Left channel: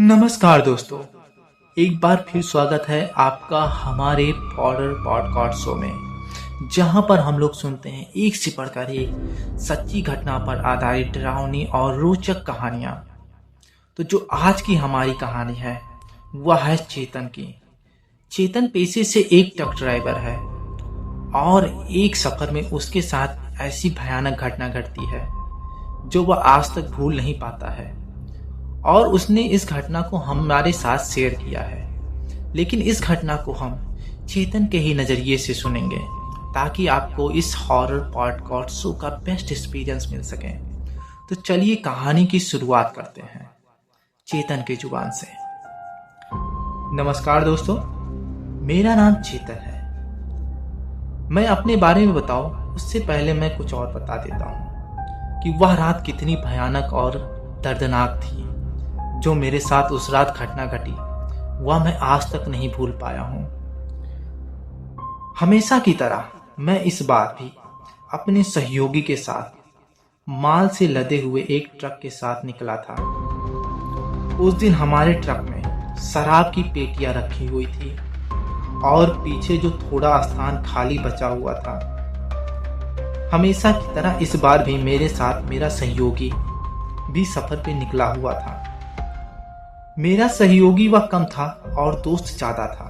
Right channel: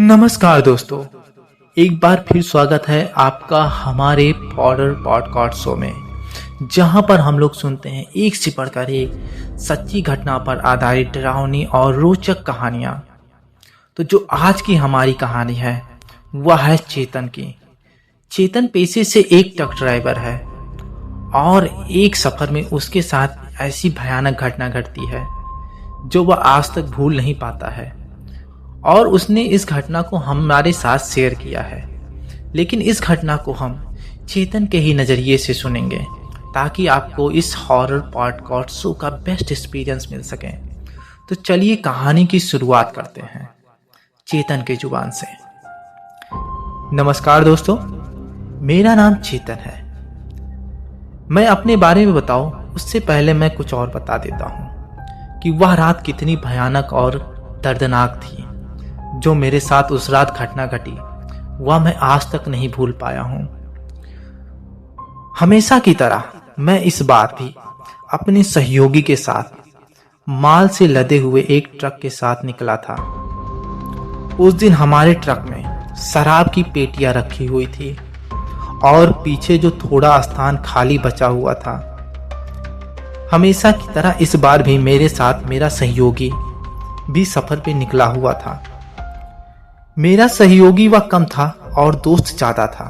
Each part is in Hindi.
नमस्कार दोस्तों, एक बार फिर स्वागत है आपका हमारे हॉरर पॉडकास्ट शो में, जहां पर हम लोग सुनते हैं एक से बढ़कर एक सच्ची घटना पर आधारित डरावनी और रोचक कहानियां। तो जो आज की हमारी कहानी है वह है चेतन की। चेतन पेशे से एक ट्रक ड्राइवर है और एक सफर में उसके साथ ऐसी भयानक घटना घटती है जो वह आज तक भूल नहीं पाता है और उसने इस घटना को हमारे साथ शेयर किया है। लेकिन इस घटना को हम चेतन के ही नज़रिए से सुनेंगे ताकि आपको इस हॉरर पॉडकास्ट शो का बेस्ट एक्सपीरियंस मिल सके। तो चलिए कहानी की शुरुआत करते हैं चेतन की जुबान से। नमस्कार दोस्तों, मेरा नाम चेतन है। मैं अपने बारे में बताऊं उससे पहले मैं कुछ और बता देता हूं कि वह रात कितनी भयानक और दर्दनाक थी जो मेरे साथ उस रात घटना घटी। वह मैं आज तक नहीं भूल पाया हूं। हमेशा की तरह मैं इस बार भी अपने सहयोगी के साथ माल से लदे हुए एक ट्रक के साथ निकला था। उस दिन हमारे ट्रक में शराब की पेटियां रखी हुई थी और पीछे जो थोड़ा स्थान खाली बचा हुआ था। हमेशा की तरह इस बार भी मेरे साथ मेरा सहयोगी भी सफर पे निकला हुआ था। मेरा सहयोगी वह कम था और दोस्त ज्यादा था,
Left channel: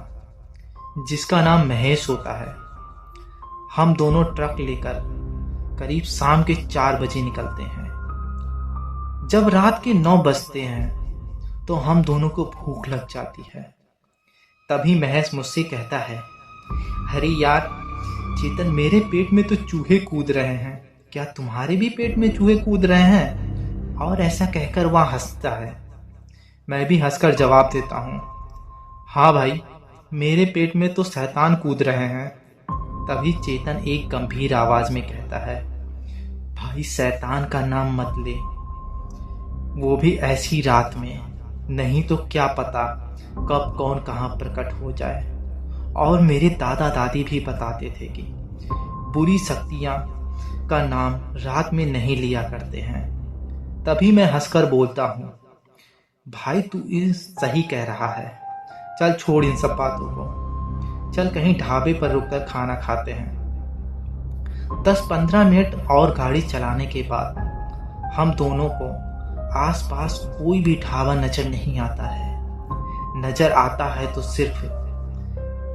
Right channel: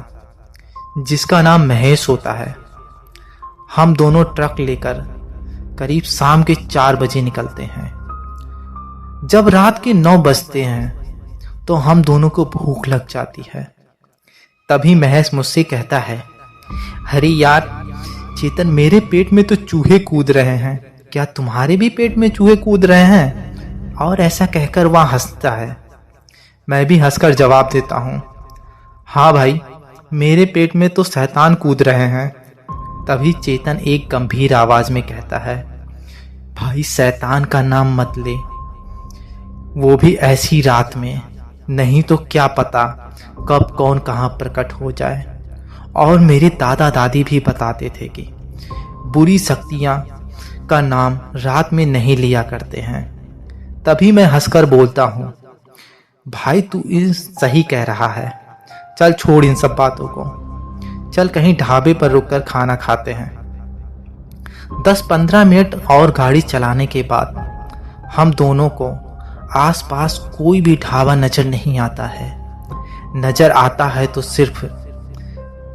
जिसका नाम महेश होता है। हम दोनों ट्रक लेकर करीब शाम के 4 बजे निकलते हैं। जब रात के 9 बजते हैं तो हम दोनों को भूख लग जाती है। तभी महेश मुझसे कहता है, अरे यार चेतन, मेरे पेट में तो चूहे कूद रहे हैं, क्या तुम्हारे भी पेट में चूहे कूद रहे हैं? और ऐसा कहकर वह हंसता है। मैं भी हंसकर जवाब देता हूँ, हाँ भाई, मेरे पेट में तो शैतान कूद रहे हैं। तभी चेतन एक गंभीर आवाज में कहता है, भाई शैतान का नाम मत ले, वो भी ऐसी रात में, नहीं तो क्या पता कब कौन कहाँ प्रकट हो जाए। और मेरे दादा दादी भी बताते थे कि बुरी शक्तियाँ का नाम रात में नहीं लिया करते हैं। तभी मैं हंसकर बोलता हूँ, भाई तू सही कह रहा है, चल छोड़ इन सब बातों को, चल कहीं ढाबे पर रुककर खाना खाते हैं। 10-15 मिनट और गाड़ी चलाने के बाद हम दोनों को आसपास कोई भी ढाबा नजर नहीं आता है। नजर आता है तो सिर्फ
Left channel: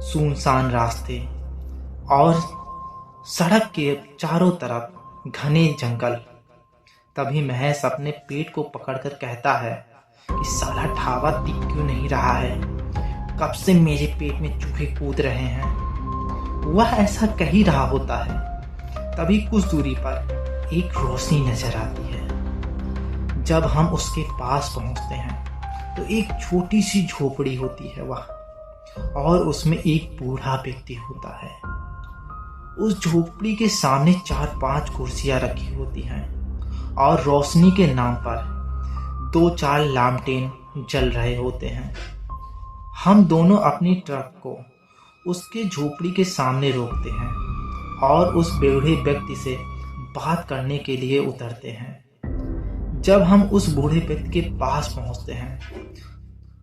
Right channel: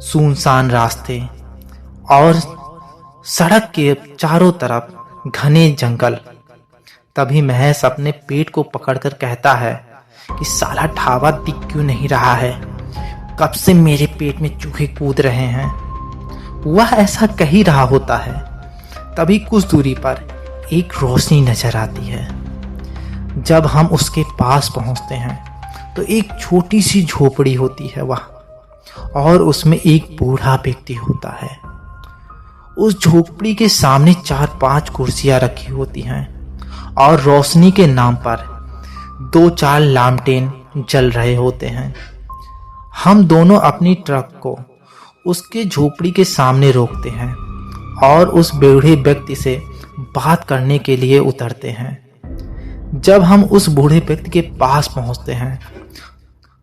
सुनसान रास्ते और सड़क के चारों तरफ घने जंगल। तभी महेश अपने पेट को पकड़कर कहता है कि साला ढाबा दिख क्यों नहीं रहा है, कब से मेरे पेट में चूहे कूद रहे हैं। वह ऐसा कह ही रहा होता है। तभी कुछ दूरी पर एक रोशनी नजर आती है। जब हम उसके पास पहुंचते हैं तो एक छोटी सी झोपड़ी होती है वह, और उसमें एक बूढ़ा व्यक्ति होता है। उस झोपड़ी के सामने 4-5 कुर्सियां रखी होती हैं और रोशनी के नाम पर 2-4 लालटेन जल रहे होते हैं। हम दोनों अपनी ट्रक को उसके झोपड़ी के सामने रोकते हैं और उस बूढ़े व्यक्ति से बात करने के लिए उतरते हैं। जब हम उस बूढ़े व्यक्ति के पास पहुंचते हैं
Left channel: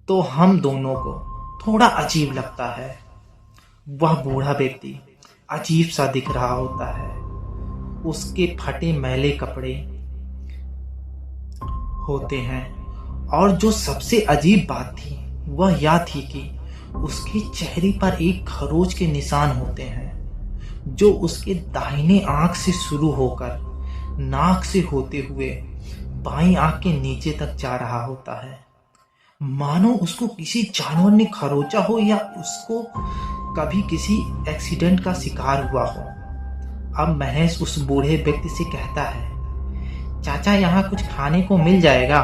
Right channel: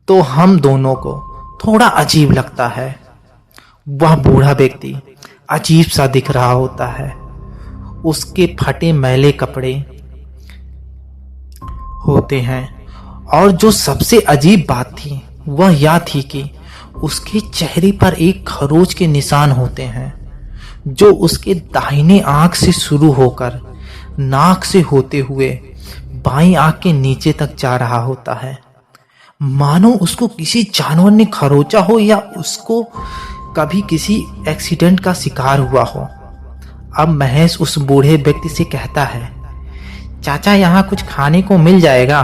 तो हम दोनों को थोड़ा अजीब लगता है। वह बूढ़ा व्यक्ति अजीब सा दिख रहा होता है। उसके फटे मैले कपड़े होते हैं और जो सबसे अजीब बात थी वह यह थी कि उसके चेहरे पर एक खरोच के निशान होते हैं जो उसके दाहिने आंख से शुरू होकर नाक से होते हुए बाईं आंख के नीचे तक जा रहा होता है, मानो उसको किसी जानवर ने खरोचा हो या उसको कभी किसी एक्सीडेंट का शिकार हुआ हो। अब महेश उस बूढ़े व्यक्ति से कहता है, चाचा यहाँ कुछ खाने को मिल जाएगा?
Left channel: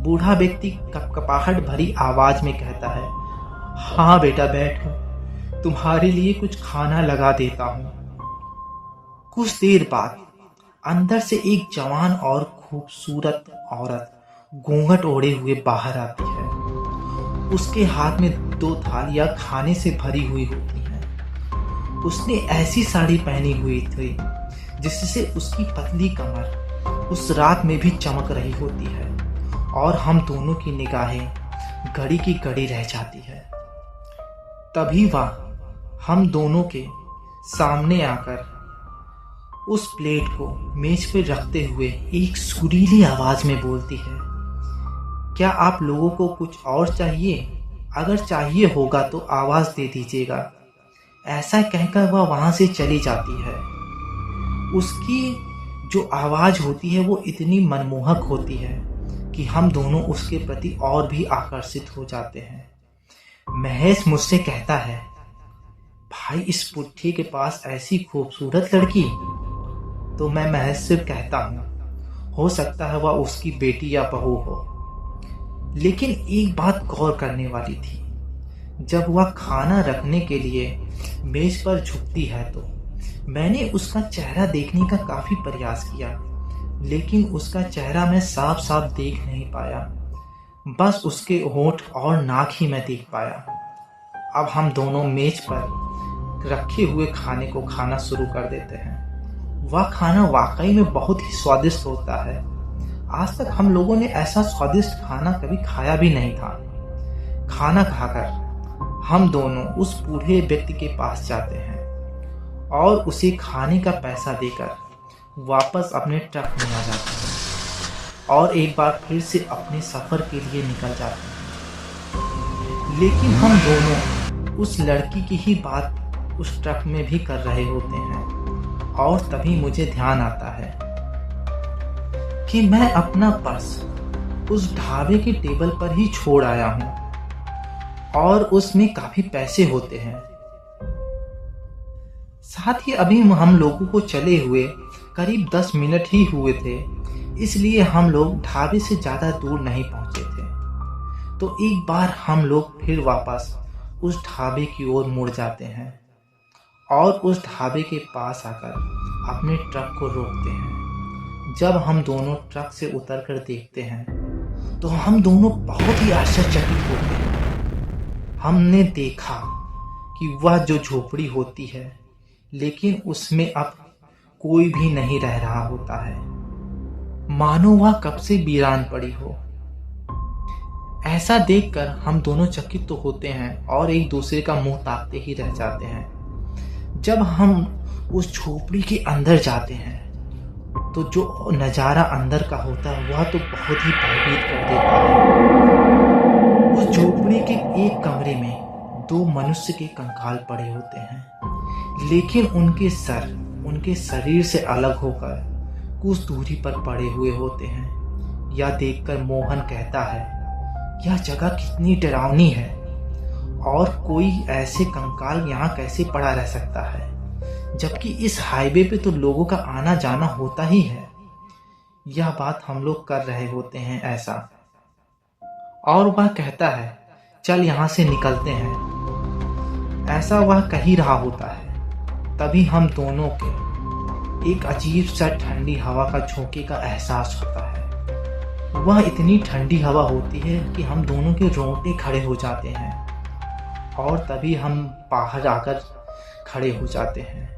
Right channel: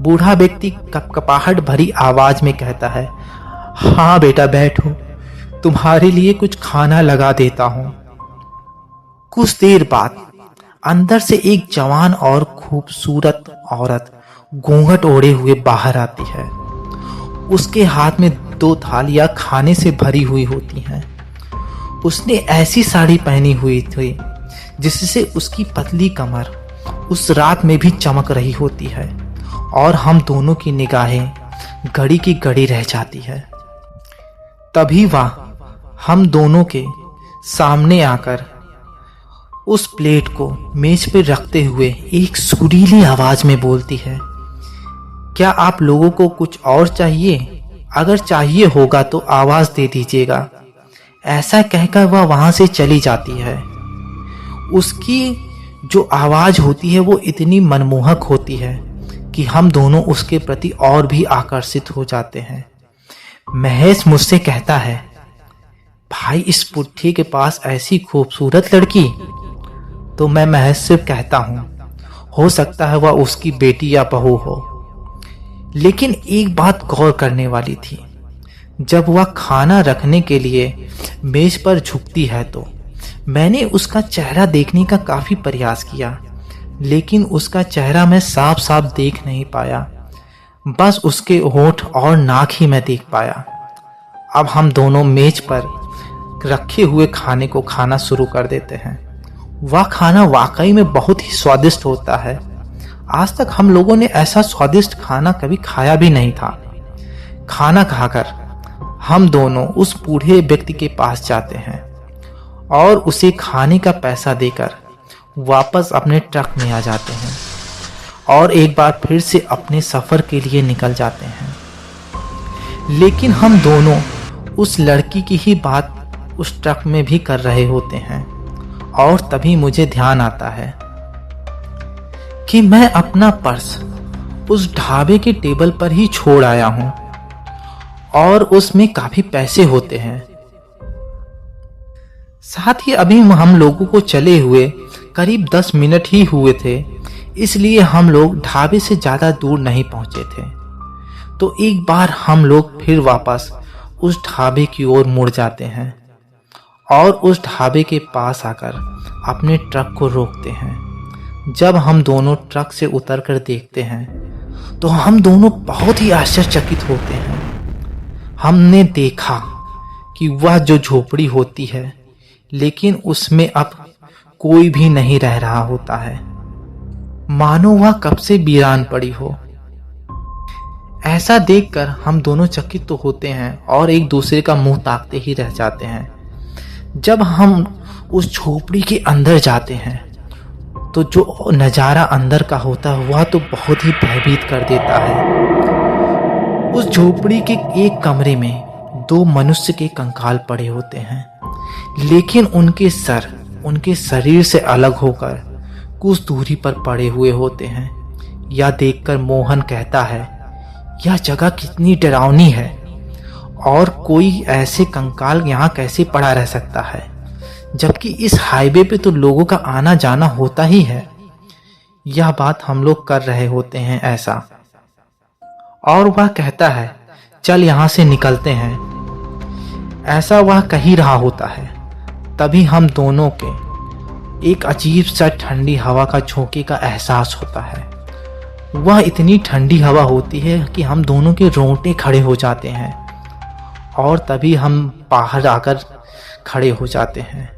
बूढ़ा व्यक्ति कपकपाहट भरी आवाज में कहता है, हाँ बेटा बैठो, तुम्हारे लिए कुछ खाना लगा देता हूं। कुछ देर बाद अंदर से एक जवान और खूबसूरत औरत घूंघट ओढ़े हुए बाहर आती है। उसके हाथ में 2 थालियां खाने से भरी हुई होती हैं। उसने ऐसी साड़ी पहनी हुई थी जिससे उसकी पतली कमर उस रात में भी चमक रही होती है और हम दोनों की निगाहें घड़ी की घड़ी रह जाती है। तभी वह हम दोनों के सामने आकर उस प्लेट को मेज पर रखते हुए एक सुरीली आवाज में बोलती है, क्या आप लोगों को कुछ और चाहिए? अगर चाहिए होगा तो आवाज दे दीजिएगा। ऐसा कहकर वह वहां से चली जाती है। उसकी जो आवाज होती है वो इतनी मनमोहक होती है कि हम दोनों उसके प्रति और भी आकर्षित हो जाते हैं। महेश मुझसे कहता है, भाई इस पुट्ठी के पास ऐसी खूबसूरत लड़की। तो मैं महेश से कहता हूँ, हो सकता है वह उसकी बेटी या बहू हो। लेकिन एक बात गौर करने वाली थी, जब वह खाना रखने के लिए मेज पर झुकती है तो मैंने उसका चेहरा देखने का काफी प्रयास किया, लेकिन उसका चेहरा मैं साफ साफ देख नहीं पाया। बस उसके होंठ और नाक ही मैं देख पाया। अब हम दोनों मेज पर रखे हुए खाने को खाना शुरू कर देते हैं। वह खाना वाकई में बहुत ही स्वादिष्ट होता है। आज तक हम लोगों ने ऐसा स्वादिष्ट खाना कभी खाया भी नहीं था। खाना खाकर हम दोनों उस बूढ़े व्यक्ति के पास जाते हैं और उसे खाने का पैसा देकर वापस अपने ट्रक में आ जाते हैं और एक बार फिर से अपने सफ़र के लिए निकल जाते हैं। लेकिन हम दोनों उस लड़की की ही बात उस ट्रक में भी कर रहे होते हैं और तभी मुझे ध्यान आता है कि मैं अपना पर्स उस ढाबे के टेबल पर ही छोड़ आया हूं और उसमें काफी पैसे होते हैं। साथ ही अभी हम लोगों को चले हुए करीब 10 मिनट ही हुए थे, इसलिए हम लोग ढाबे से ज़्यादा दूर नहीं पहुंचे थे। तो एक बार हम लोग फिर वापस उस ढाबे की ओर मुड़ जाते हैं और उस ढाबे के पास आकर अपने ट्रक को रोकते हैं। जब हम दोनों ट्रक से उतरकर देखते हैं तो हम दोनों बहुत ही आश्चर्यचकित होते हैं। हमने देखा कि वह जो झोपड़ी होती है, लेकिन उसमें अब कोई भी नहीं रह रहा होता है, मानो वह कब से वीरान पड़ी हो। ऐसा देखकर हम दोनों चकित तो होते हैं और एक दूसरे का मुंह ताकते ही रह जाते हैं। जब हम उस झोपड़ी के अंदर जाते हैं तो जो नज़ारा अंदर का होता है वह तो बहुत ही भयभीत कर देता है। उस झोपड़ी के एक कमरे में 2 मनुष्य के कंकाल पड़े होते हैं, लेकिन उनके सर उनके शरीर से अलग होकर कुछ दूरी पर पड़े हुए होते हैं। यह देखकर मोहन कहता है, यह जगह कितनी डरावनी है और कोई ऐसे कंकाल यहाँ कैसे पड़ा रह सकता है, जबकि इस हाईवे पे तो लोगों का आना जाना होता ही है। यह बात हम लोग कर रहे होते हैं ऐसा, और वह कहता है, चल यहाँ से निकलते हैं। ऐसा वह कह ही रहा होता है, तभी हम दोनों के एक अजीब सा ठंडी हवा का झोंके का एहसास होता है। वह इतनी ठंडी हवा होती है कि हम दोनों के रोंगटे खड़े हो जाते हैं और तभी हम बाहर आकर खड़े हो जाते हैं।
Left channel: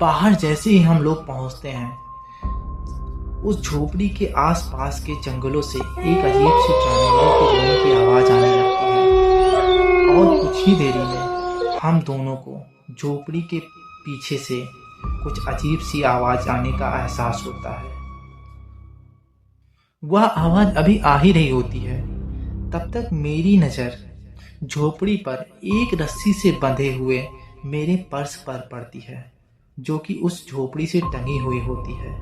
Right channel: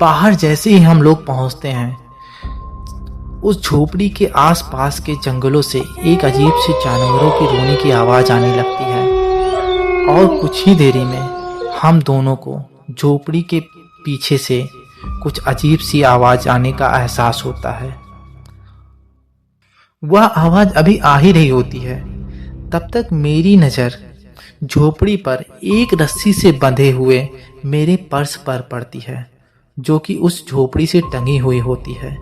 बाहर जैसे ही हम लोग पहुंचते हैं, उस झोपड़ी के आसपास के जंगलों से एक अजीब सी जानवरों के रोने की आवाज आने लगती है और कुछ ही देरी में हम दोनों को झोपड़ी के पीछे से कुछ अजीब सी आवाज आने का एहसास होता है। वह आवाज अभी आ ही रही होती है, तब तक मेरी नज़र झोपड़ी पर एक रस्सी से बंधे हुए मेरे पर्स पर पड़ती है, जो कि उस झोपड़ी से टंगी हुई होती है।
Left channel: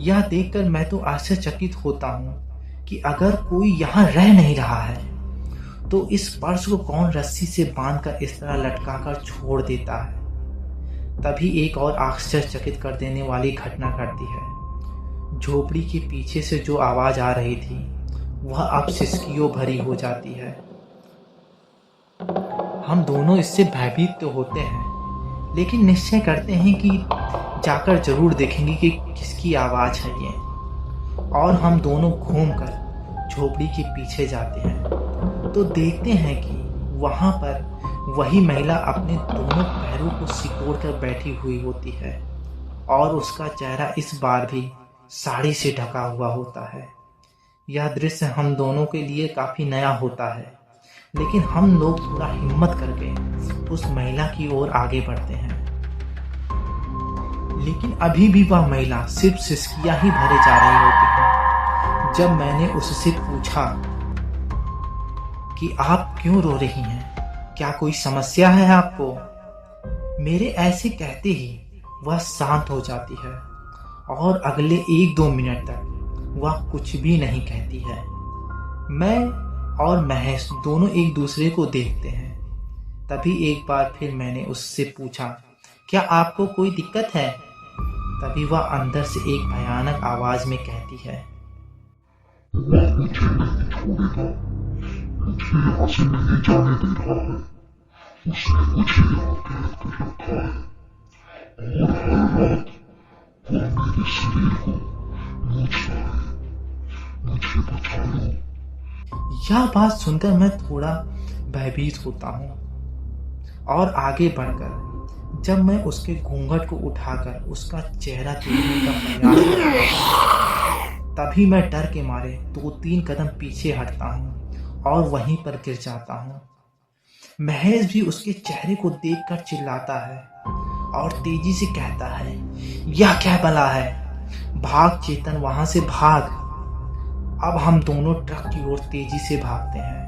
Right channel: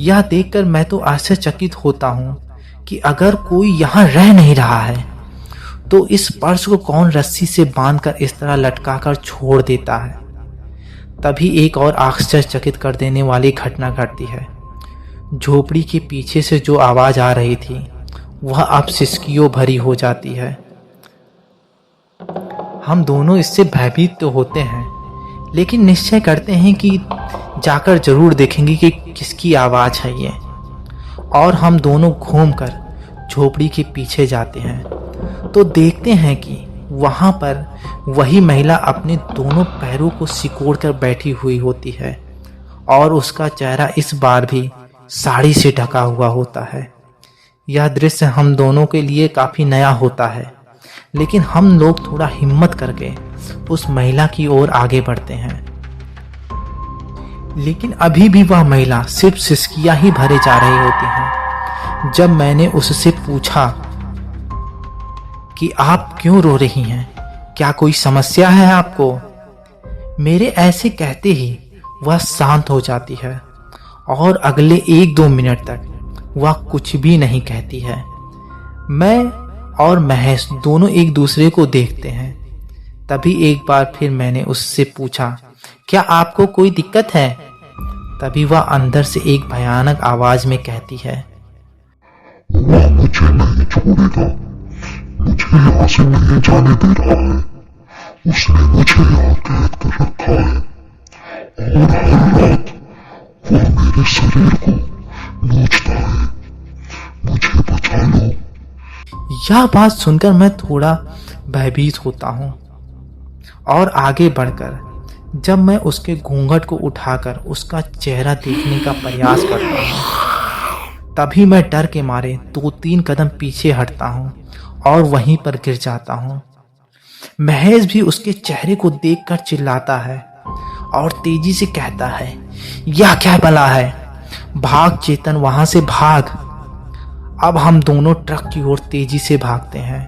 यह देखकर मैं तो आश्चर्यचकित होता हूँ कि अगर कोई यहाँ रह नहीं रहा है तो इस पर्स को कौन रस्सी से बांधकर इस तरह लटकाकर छोड़ देता है। तभी एक और आश्चर्यचकित कर देने वाली घटना घटती है। झोपड़ी के पीछे से जो आवाज आ रही थी वह अब सिसकियों भरी हो जाती है। हम दोनों इससे भयभीत तो होते हैं, लेकिन निश्चय करते हैं कि जाकर जरूर देखेंगे कि किसकी आवाज़ है ये, और हम दोनों घूमकर झोपड़ी के पीछे जाते हैं तो देखते हैं कि वहाँ पर वही महिला अपने दोनों पैरों को सिकोड़ कर बैठी हुई होती है और उसका चेहरा इस बार भी साड़ी से ढका हुआ होता है। यह दृश्य हम दोनों के लिए काफी नया होता है, लेकिन हम लोग थोड़ा हिम्मत करके उस महिला की ओर आगे बढ़ते हैं। लेकिन अभी भी वह महिला सिर्फ सिसकियां ही भरे जा रही होती है। जब मैंने उससे पूछा कि आप क्यों रो रही हैं, क्या कोई समस्या है आपको, मेरे ऐसे कहते ही वह शांत हो जाती है और अगले 1-2 मिनट तक वह कुछ भी नहीं कहती है। मैं और महेश दोनों एक दूसरे को देखते हैं। तभी एक बार फिर मैंने उससे पूछा, क्या आपको कोई दिक्कत है? तभी वह अंदर से एक भयानक आवाज में कहती है, वह मुझे नहीं छोड़ेगा, मुझे यहाँ से नहीं जाने दे रहा है। उसने मुझे यहाँ कैद कर रखा है और हर रात वह मेरे शरीर को नोचता है। मुझे बचा लो। यह बात सुनकर मैं थोड़ा भयभीत होता हूँ और आगे बढ़कर जब मैं उसके घूंघट को उठाकर उसका चेहरा देखने का प्रयास करता हूँ, तभी मैं डर के मारे 2-3 कदम पीछे हटता हूँ और वहीं पर गिर जाता हूँ। महेश भी उसके चेहरे को देखकर चिल्लाता है और तेजी से कहता है, यह क्या भला है, भाग चेतन, वहां से भाग। अब हम दोनों ट्रक की ओर तेजी से भागते हैं।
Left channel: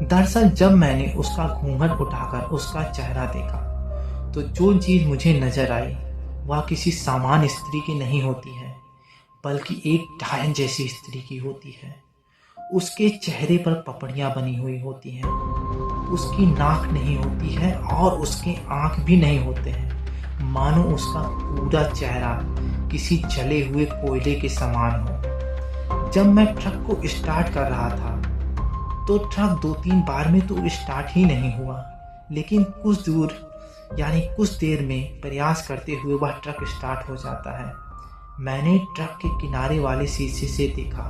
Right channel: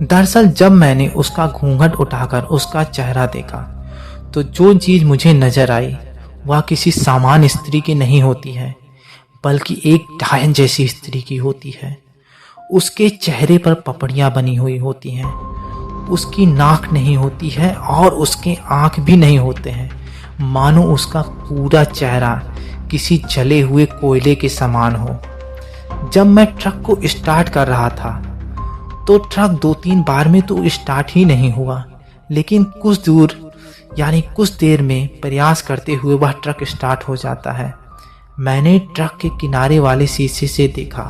दरअसल जब मैंने उसका घूंघट उठाकर उसका चेहरा देखा तो जो चीज मुझे नजर आई वह किसी सामान्य स्त्री की नहीं होती है, बल्कि एक डायन जैसी स्त्री की होती है। उसके चेहरे पर पपड़ियां बनी हुई होती हैं, उसकी नाक नहीं होती है और उसके आंख भी नहीं होते हैं, मानो उसका पूरा चेहरा किसी जले हुए कोयले के समान हो। जब मैं ट्रक को स्टार्ट कर रहा था तो ट्रक 2-3 बार में तो स्टार्ट ही नहीं हुआ, लेकिन कुछ दूर यानी कुछ देर में प्रयास करते हुए वह ट्रक स्टार्ट हो जाता है। मैंने ट्रक के किनारे वाले शीशे से देखा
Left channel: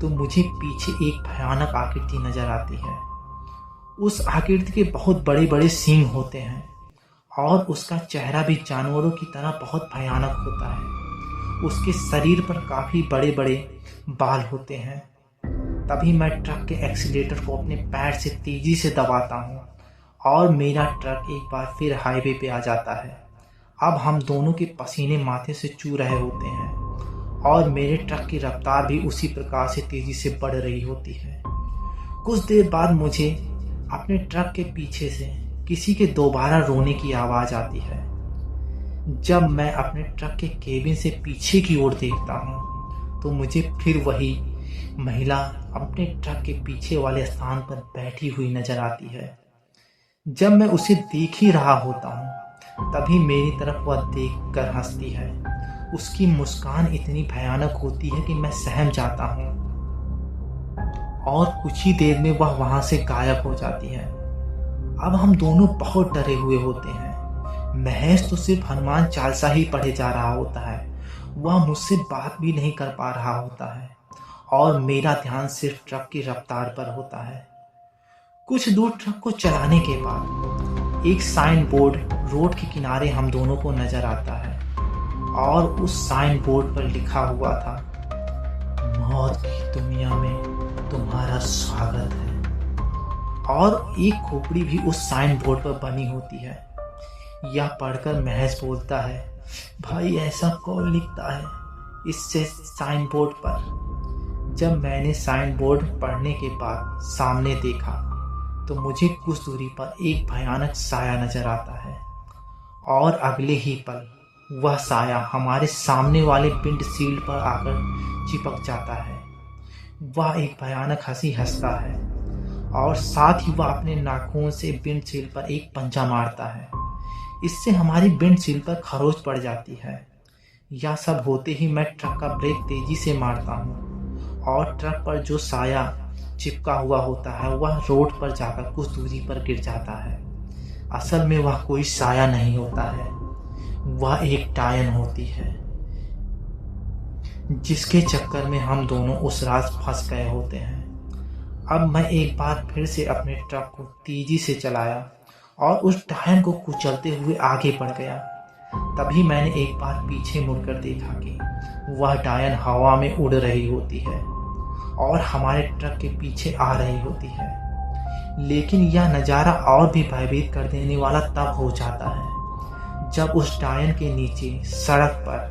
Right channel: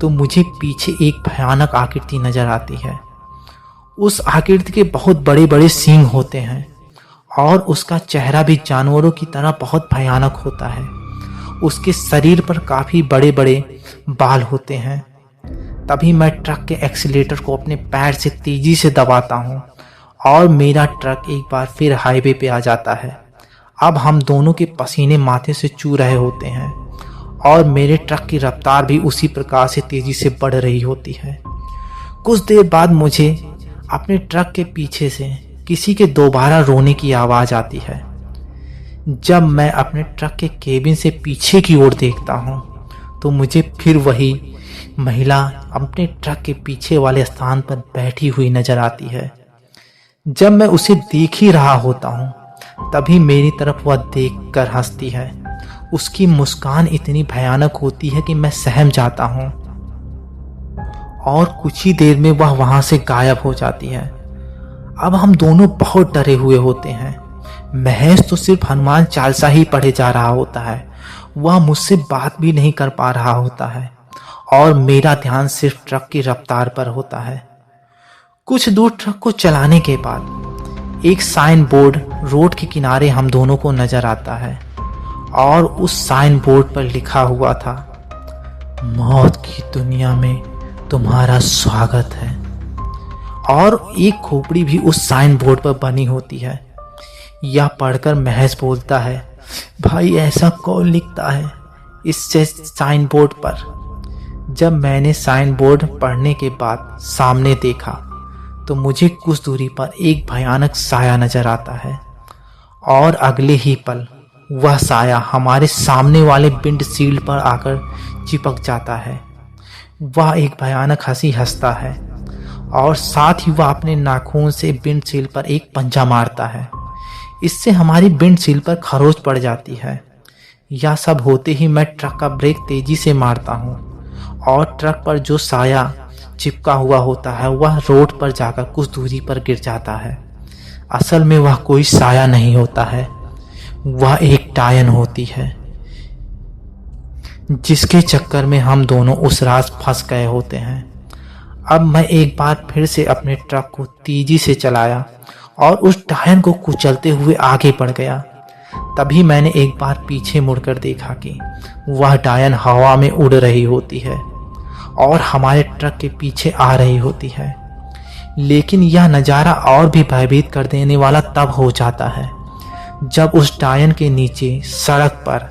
तो मुझे पीछे एक भयानक आकृति नजर आती है। उस आकृति के बहुत बड़े बड़े सींग होते हैं और उसका चेहरा भी जानवरों की तरह बहुत भयानक होता है। उसके शरीर पर काफी बड़े बड़े बाल होते हैं। तभी मैं ट्रक के एक्सीलेटर को अपने पैर से तेजी से दबाता हूँ और मेरा ट्रक एक बार फिर हाईवे पे आ जाता है। अब हम दोनों के पसीने माथे से चू रहे होते हैं और मेरे ट्रक की रफ्तार भी उसी प्रकार से तेजी से बढ़ रही होती है। कुछ देर बाद मुझे अपने ट्रक के पीछे से किसी के दोबारा रोने की आवाज आती है। जब मैं अपने ट्रक के केबिन से पीछे की ओर देखता हूँ तो मुझे फिर वही महिला अपने ट्रक के पीछे वाले स्थान पर बैठी हुई नजर आती है। जब मैं उसे देख ही रहा होता हूँ तभी मेरी तरफ वह देखकर हंसती है। उसकी मुस्कान इतनी भयानक होती है कि मैं सहम जाता हूँ और कुछ ही देर में वह वहां से गायब हो जाती है। अब हम दोनों बहुत डरे हुए होते हैं। महेश तो सिर्फ हनुमान चालीसा ही पढ़े जा रहा होता है, वह मुझसे बात भी नहीं कर पा रहा होता है और मेरा ध्यान सिर्फ ट्रक की रफ्तार पर होता है। कुछ दूर ट्रक को चलाने के बाद एक साइन बोर्ड रोड के किनारे हम दोनों को नजर आता है और उस साइन बोर्ड पर लिखा हुआ था, मौत की दुनिया में तुम्हारा स्वागत है। और एक खोपड़ी भी उस साइन बोर्ड पर बनी होती है। यह पढ़कर महेश बोलता है, भाई ऐसा कौन लिखता है इस साइन बोर्ड पर? जब मैंने साइन बोर्ड पढ़ने के बाद सामने देखा तो मुझे कुछ दूरी पर एक भयानक साया नजर आता है और अगले ही पल वह साया हमारे सामने वाले विंडशील्ड पर आकर चिपक जाता है। वह एक भयानक हंसी हंसता है और साथ ही वह अपने नाखून से विंडशील्ड पर एक पंजा मारता है। इससे हमारी विंडशील्ड पर खरोच पड़ जाती है। यह सब होते ही मैं ट्रक का ब्रेक तेजी से मारता हूँ और ट्रक पर जो साया चिपका हुआ होता है वह रोड पर जाकर कुछ दूरी पर गिर जाता है। असल में वह कोई साया नहीं होता है, वह एक डायन होती है जिसके चक्कर में हम दोनों उस रात फंस गए होते हैं। अब मैं एक बार फिर से अपने ट्रक को तेजी से चलाया और उस डायन को कुचलते हुए आगे बढ़ गया। तभी मैंने एक बार पीछे मुड़कर देखा कि वह डायन हवा में उड़ रही होती है और हमारे ट्रक के पीछे आ रही होती है। लेकिन यह नज़ारा और भी भयभीत कर देने वाला तब हो जाता है जब उस डायन के नीचे सड़क पर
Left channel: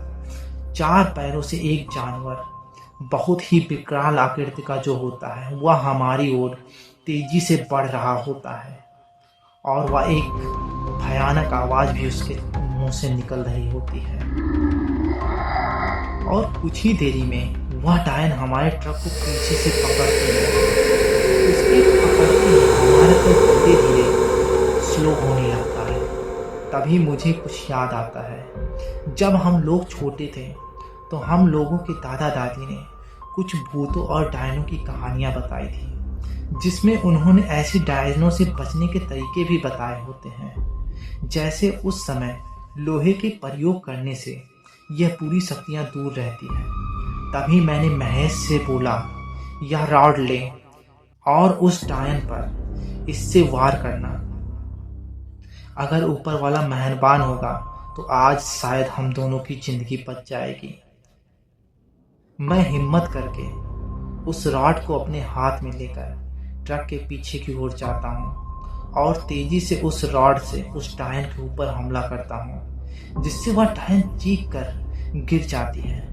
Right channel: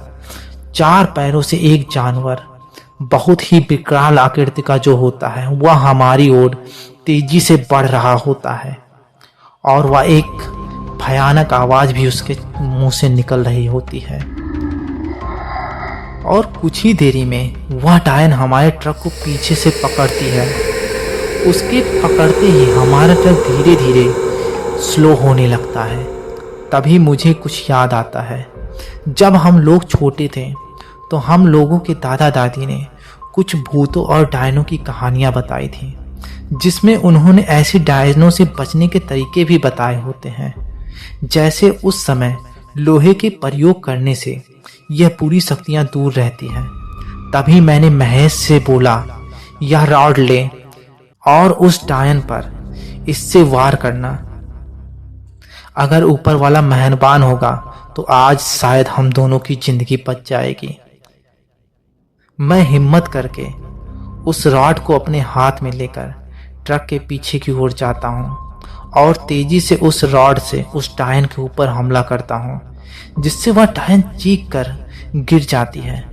4 पैरों से एक जानवर, बहुत ही विकराल आकृति का जो होता है, वह हमारी ओर तेजी से बढ़ रहा होता है और वह एक भयानक आवाज भी उसके मुंह से निकल रही होती है। और कुछ ही देरी में वह डायन हमारे ट्रक को पीछे से पकड़ती है। उसके पकड़ते ही हमारा ट्रक धीरे धीरे स्लो होने लगता है। तभी मुझे कुछ याद आता है। जब हम लोग छोटे थे तो हम लोगों के दादा दादी ने कुछ भूतों और डायनों की कहानियां बताई थी, जिसमें उन्होंने ऐसे डायनों से बचने के तरीके भी बताए होते हैं। जैसे उस समय लोहे के प्रयोग करने से यह पूरी शक्तियां दूर रहती हैं। तभी मैंने महेश से बोला, यह रॉड ले और उस डायन पर इससे वार करना। अगर ऊपर वाला मेहरबान होगा तो आज शायद हम दोनों की जिंदगी बच जाएगी। मैं हिम्मत करके उस रॉड को अपने हाथ में लेकर ट्रक के पीछे की ओर जाता हूँ और तेजी से उस रॉड से उस डायन के ऊपर हमला करता हूँ, जिससे वह डायन चीख कर गिर जाती है।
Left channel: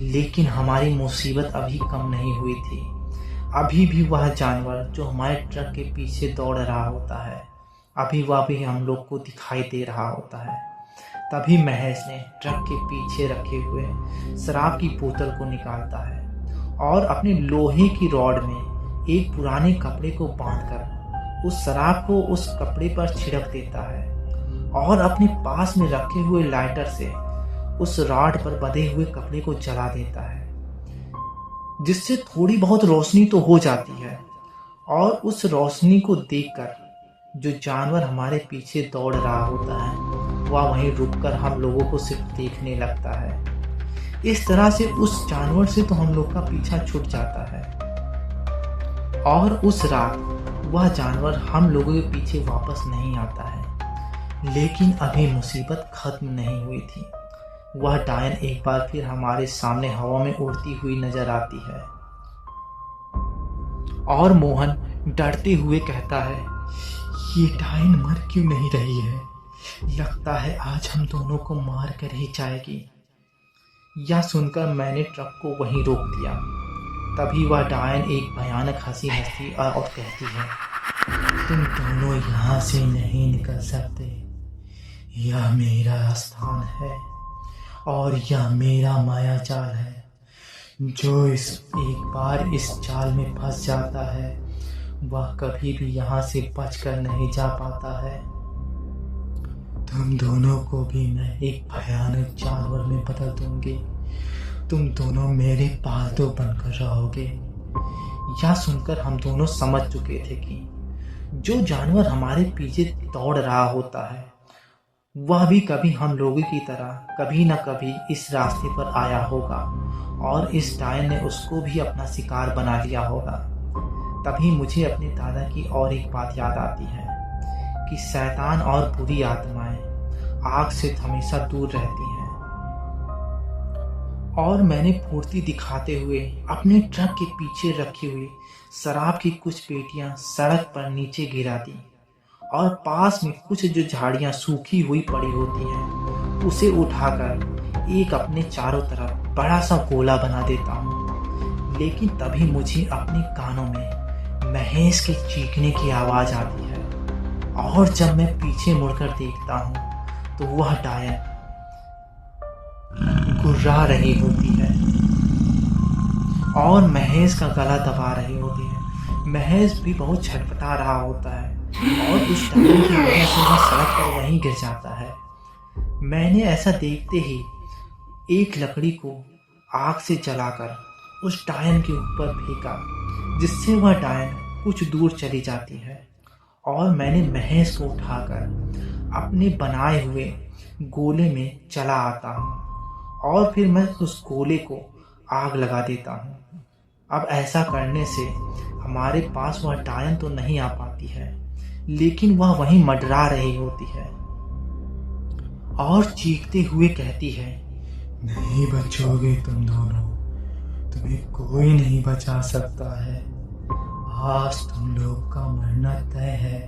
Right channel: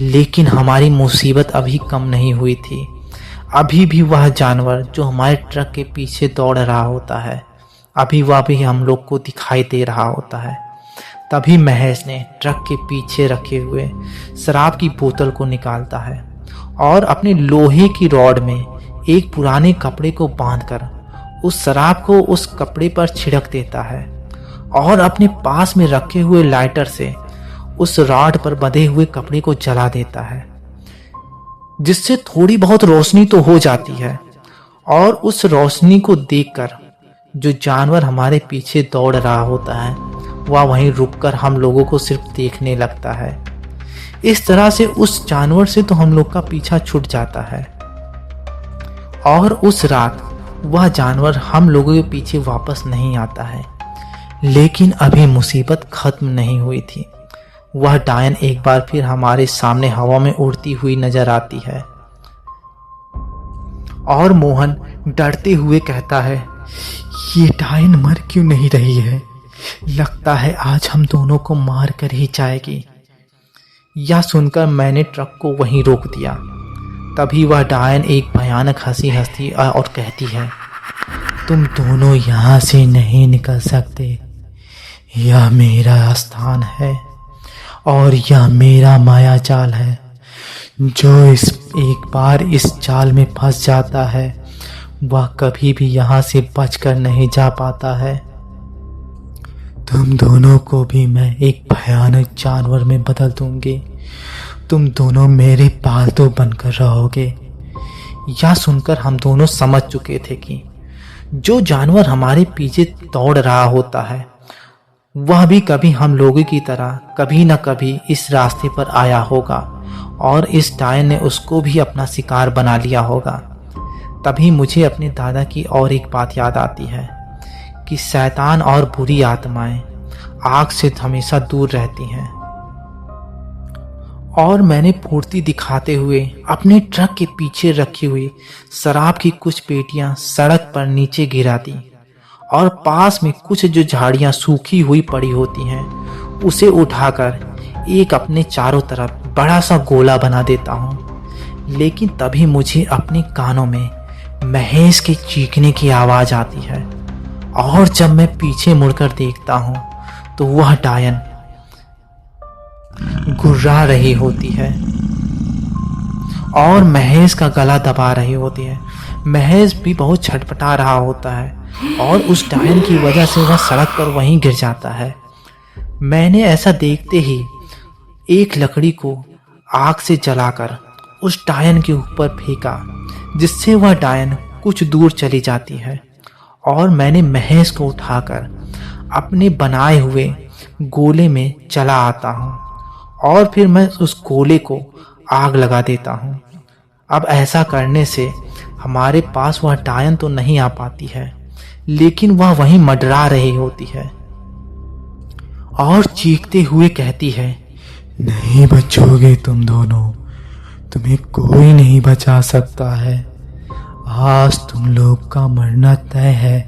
लेकिन हमारी मुसीबत अभी कम नहीं हुई थी। अभी भी वह जानवर जो हमारे ट्रक के पीछे दौड़ रहा होता है, अभी वह भी हम लोग को दिखाई दे रहा होता है। तभी महेश ने ट्रक के पीछे रखे हुए शराब की बोतल को निकालता है और अपने लोहे की रॉड में एक पुराने कपड़े को बांधकर उस शराब को उस कपड़े पर छिड़क देता है और अपने पास में रखे हुए लाइटर से उस रॉड पर बंधे हुए कपड़े को जला देता है, जिससे थोड़ी बहुत रोशनी तो हो जाती है। और उस रोशनी को देखकर जो जानवर हमारे पीछे दौड़ रहा होता है, वह वहीं रुककर हम लोगों को सिर्फ देखने लगता है। इस तरह से उस जानवर से तो हम लोग का पीछा छूट जाता है और उस रात वह जानवर हम लोगों के पीछे वापस नहीं आता है। लेकिन अभी मुसीबत खत्म नहीं हुई थी। वह डायन एक बार फिर हमारे सामने हवा में उड़ती हुई नजर आती है और मोहन डरते हुए कहता है, ये डायन मर क्यों नहीं रही है? लगता है आज हम दोनों को मार कर ही जाएगी। यह सुनकर मैंने ट्रक को वहीं रोक दिया। तभी वह डायन एक भयानक हंसी हंसती और कहती है, तुम दोनों यहाँ से नहीं निकल सकते। यह मेरा स्थान है और यह मेरा माया जाल है। जो एक बार इस जाल में फंस जाता है वह कभी भी यहाँ से बचकर नहीं जा पाता है। तुम दोनों को भी मैं एक भयानक जानवर में बदल दूंगी। तुम दोनों मेरे पालतू बनकर रहोगे। यह सुनकर हम दोनों समझ चुके थे कि जो जानवर हमारे पीछे दौड़ रहा होता है वह भी कभी हम लोगों की तरह कभी न कभी इस रास्ते पर आया होगा और इस डायन ने उसको भी अपना शिकार बना लिया होगा। तभी मुझे अपने दादा की और एक बात याद आती है कि शैतान और बुरी आत्माएं आग से हमेशा दूर रहती हैं। और मैंने फुर्ती दिखाते हुए अपने ट्रक के पीछे रखी हुई शराब की कुछ पेटियां सड़क पर नीचे गिरा दी और पास में कुछ जो झाड़ियां सूखी हुई पड़ी होती हैं उसे उठाकर एक अपने चारों तरफ बड़ा सा गोला बना देता हूँ। लेकिन तभी मुझे अपने कानों में महेश के चीखने की आवाज आती है और जब मैं पीछे मुड़कर देखता हूँ तो वह डायन गुर्रा रही होती है और महेश का गला दबा रही होती है। महेश भी बहुत छटपटा रहा होता है और उस डायन की वजह से वह सड़क पर वहीं गिर जाता है। मैंने ऐसा देखते ही एक लकड़ी को आग से जलाकर उस डायन के ऊपर फेंका, जिससे वह डायन कुछ दूर चली जाती है और मैंने महेश को उठाकर अपने बनाए हुए गोले में चला आता हूँ और फिर मैं उस गोले को आग लगा देता हूँ। अब ऐसा करने से हमारे पास वह डायन तो नहीं आ पाती है, लेकिन वह वहीं मंडरा रही होती है और चीखते हुए कहती है, नहीं बचोगे तुम दोनों, तुम्हें कोई नहीं बचा सकता है। आज तुम लोग का मरना तय है।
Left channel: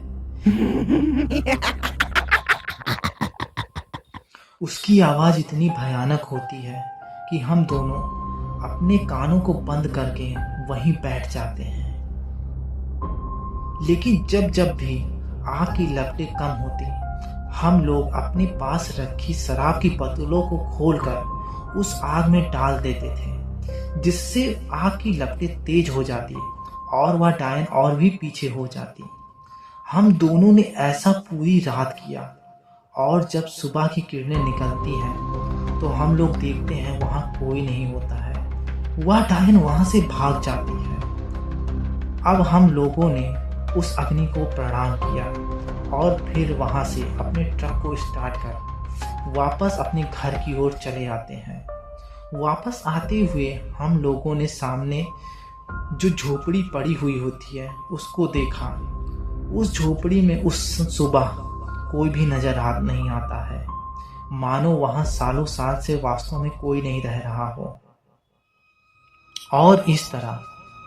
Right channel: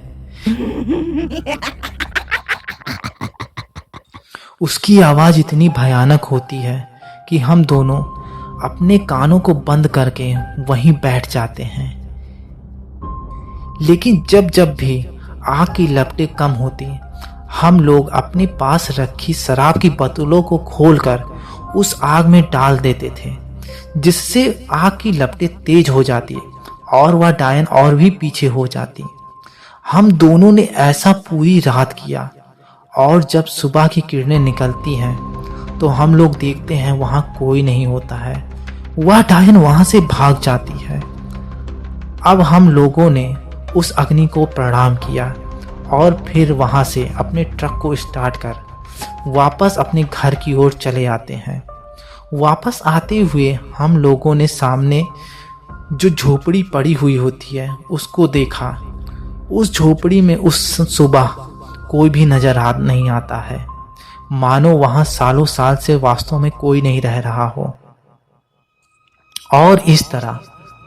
उसकी आवाज इतनी भयानक होती है कि हम दोनों अपने कानों को बंद करके वहीं बैठ जाते हैं। लेकिन जब जब भी आग की लपटें कम होती, हम लोग अपने पास रखी शराब की बोतलों को खोलकर उस आग में डाल देते थे, जिससे आग की लपटें तेज हो जाती और वह डायन और भी पीछे हो जाती। हम दोनों ने ऐसा पूरी रात किया और जब सुबह की किरणें निकलती हैं तो हम लोग देखते हैं वहां कोई नहीं होता है। वह डायन वहां से भाग जाती है। अब हम लोगों ने उस अग्नि को प्रणाम किया और फिर वहां से अपने ट्रक को स्टार्ट कर वापस अपने घर की ओर चले आते हैं। वापस आते हुए हम लोगों ने सामने जो झोपड़ी पड़ी हुई होती है उसको देखा। उस झोपड़ी में उस सुबह कोई भी नजर नहीं आता है, मानो वहां सालों साल से वास्तव में कोई नहीं रह रहा हो। और इस तरह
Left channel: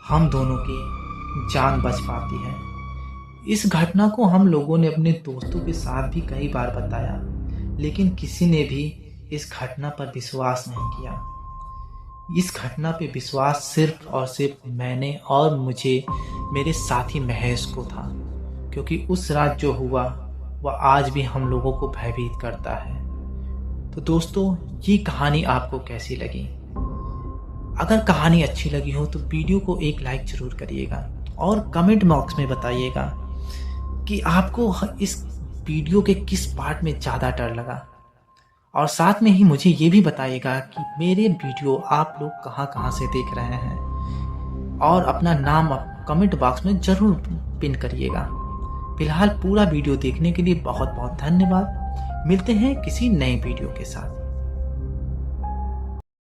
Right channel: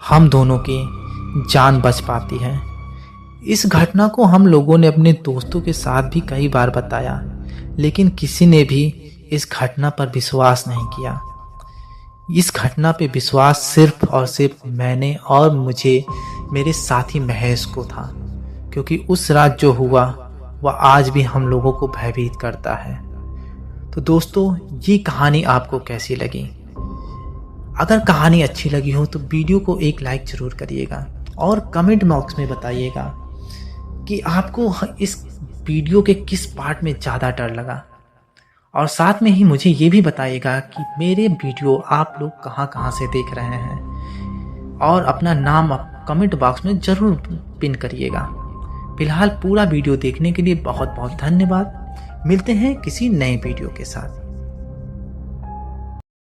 हम दोनों की जान बच पाती है। इस घटना को हम लोगों ने अपने दोस्तों के साथ भी कई बार बताया, लेकिन किसी ने भी इस घटना पर विश्वास नहीं किया। इस घटना पे विश्वास सिर्फ और सिर्फ मैंने और मुझे मेरे साथी महेश को था, क्योंकि उस रात जो हुआ वह आज भी हम लोगों को भयभीत करता है। तो दोस्तों, ये कहानी आपको कैसी लगी? अगर कहानी अच्छी लगी हो तो वीडियो को एक लाइक जरूर करिएगा और कमेंट बॉक्स में बताइएगा कि आपको इस वीडियो के किस पार्ट में ज़्यादा डर लगा। और साथ में ही मुझे ये भी बताइएगा कि मेरे वीडियो आप लोग कहाँ से देख रहे हैं, और अपना नाम कमेंट बॉक्स में ज़रूर पिन करिएगा। फिलहाल पूरा वीडियो देखने के लिए बहुत बहुत धन्यवाद। मिलते हैं किसी नए वीडियो के साथ।